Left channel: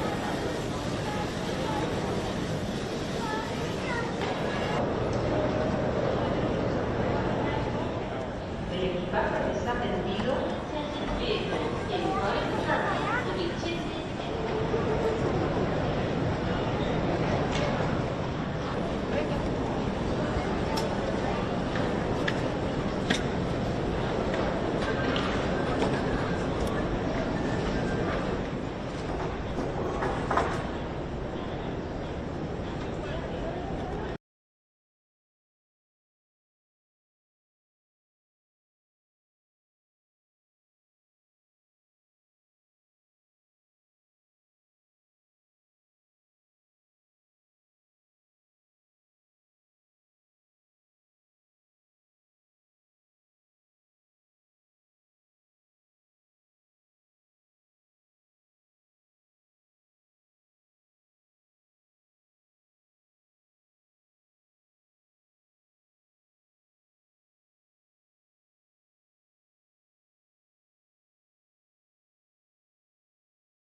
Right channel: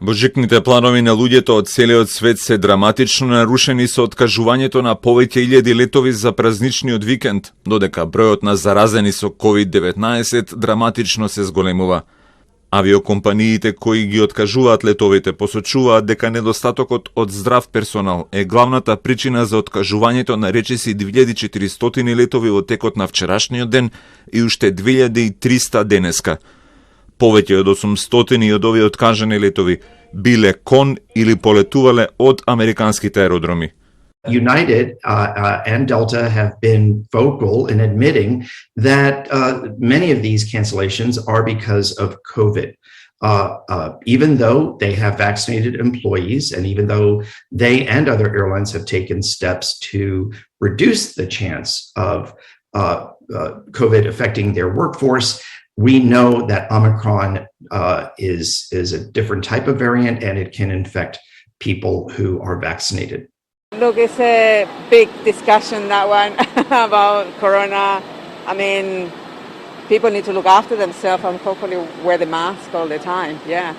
Божикните планови на луѓето од целиот свет се драматично нарушени со откажувањето на повеќе илјади летови за празничниот викенд, додека бројот на заразени со COVID-19 драматично се зголемува. Авиокомпаниите кои ги откажуваат летовите посочуваат дека недостатокот од здрав персонал е главната причина за откажувањето на речиси 2400 летови во текот на вчерашниот ден и уште 2300 денеска. Повеќе од 800 од овие откажани летови биле кон или полетувале од американските аеродроми. United and Delta have been vocal in admitting that many of these cancellations are because of COVID. Even though they have vaccinated employees and even though they and other airlines have taken steps to reduce the chance of COVID affecting their workforce, we know that Omicron is a different type of variant and it can infect people who are vaccinated. Look, it's a big discussion, that one, about Corona. I mean, people need to look after themselves and hopefully wear the mask all the time, yeah.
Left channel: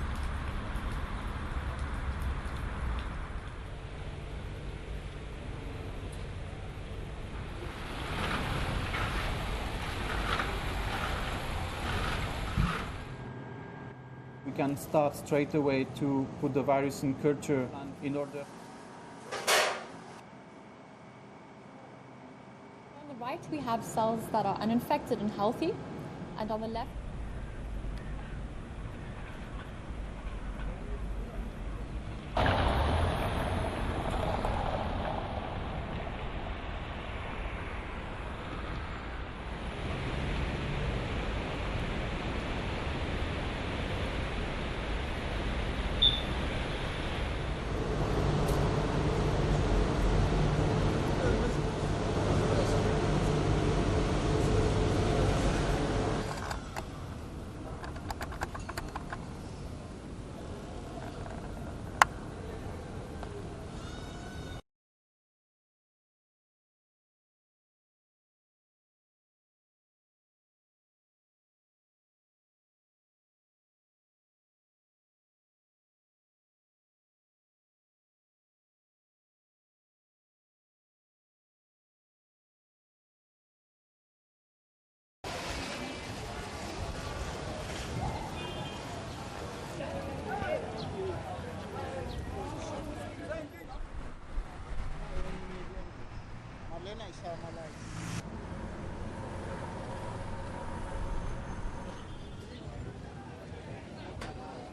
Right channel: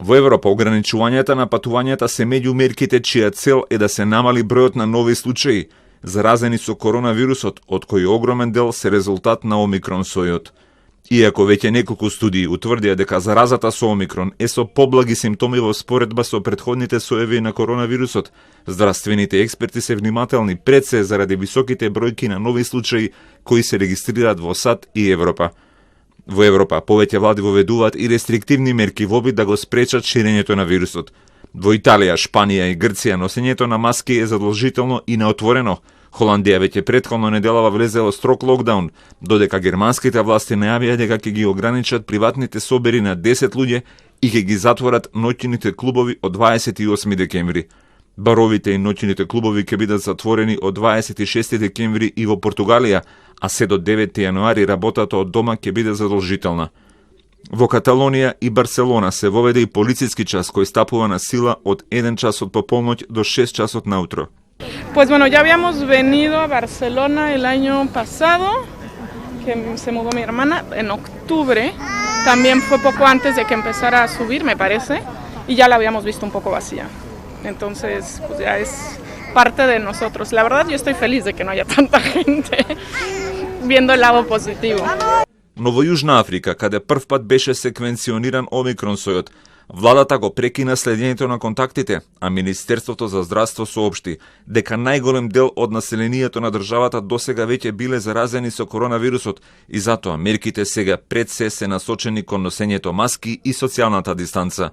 Во Европа ограничувањата на патувањата се меѓу мерките чија цел е да се намали бројот на нови случаи заразени со коронавирусот, од кои огромен дел се резултат на омикрон сојот. Иако веќе неколку студии утврдија дека заразата со омикрон е со поблаги симптоми во споредба со претходните соеви на коронавирусот, здравствените експерти се внимателни пред се заради високите бројки на нови случаи кои се регистрираат во САД и Европа. Во Европа повеќе влади воведуваат и рестриктивни мерки во обид да го спречат ширењето на вирусот. Во Италија, Шпанија и Грција носењето на маски е задолжително и неотворено. Холандија веќе претходно неделава влезе во строг локдаун, додека германските власти најавија дека ќе ги ограничат приватните собери на 10 луѓе и ќе ги затворат ноќните клубови од 28 декември. Баровите и ноќните клубови ќе бидат затворени од 26 декември и во Португалија, а се до 9 јануари работата од дома ќе биде задолжителна. Во Каталонија и Барселона се воведе и полициски час кој стапува на сила од 1 часот по полноќ до 6 часот наутро. Pues bueno, ya habíamos venido a Barcelona el año pasado, que se mudó mi hermana en octubre, también fue poco antes de que empezara a subir, me parece, y ya la habíamos visto un poco vacía. Entonces, pues ya es parte de nosotros. La verdad, yo estoy feliz de que no haya tanta gente, viendo el lado positivo. Но во Јужна Африка, каде првпат беше секвенциониран омикрон сојот, владата го прекина следењето на контактите, а Министерството за здравство соопшти дека најголем дел од населението на државата досега веќе биле заразени со коронавирусот и затоа мерките сега пред се насочени кон носењето маски и социјалната дистанца.